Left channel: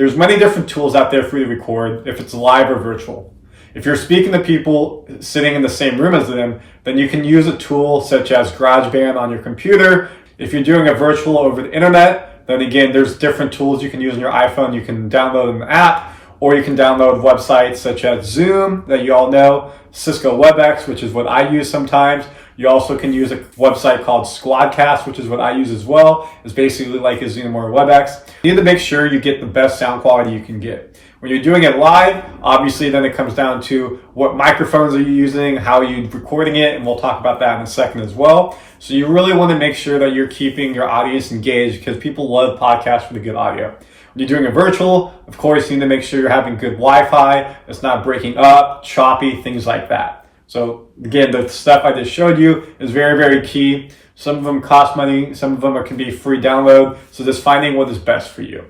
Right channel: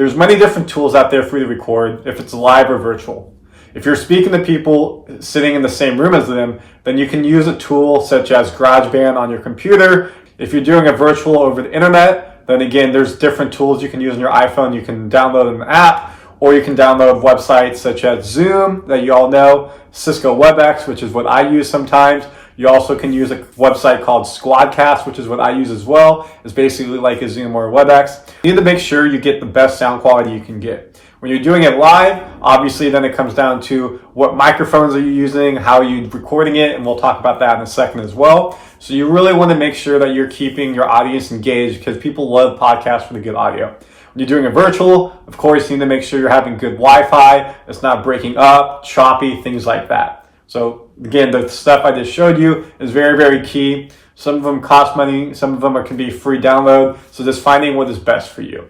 There's many different tools out there for you to record if it's live or virtual. If you're speaking to people sitting in the same room as them, then you can use a tool such as GarageBand on your computer. If you're doing a virtual over the internet, then again, there's different tools you can use on your iPhone. You can download an app, or you can download websites such as Zoom that you all know, Cisco WebEx, which is what I use sometimes. You also can use a website called Squadcast, which is what I use as well. It's basically like a Zoom or WebEx. You need to make sure you get the best sound quality you can get. When you're doing it live, obviously then it comes down to what microphones are you using, how are you recording it, and we'll talk about that in a second as well. So you really want to make sure that you're keeping your audience engaged because people love podcasts with a good audio. When you're doing a virtual, of course, you need to make sure you're having good Wi-Fi, it's not breaking up, choppy, things like that. So again, the stuff I just showed you is very, very key. Some of them cost money, some of them can be free download. So just finding what is best for you.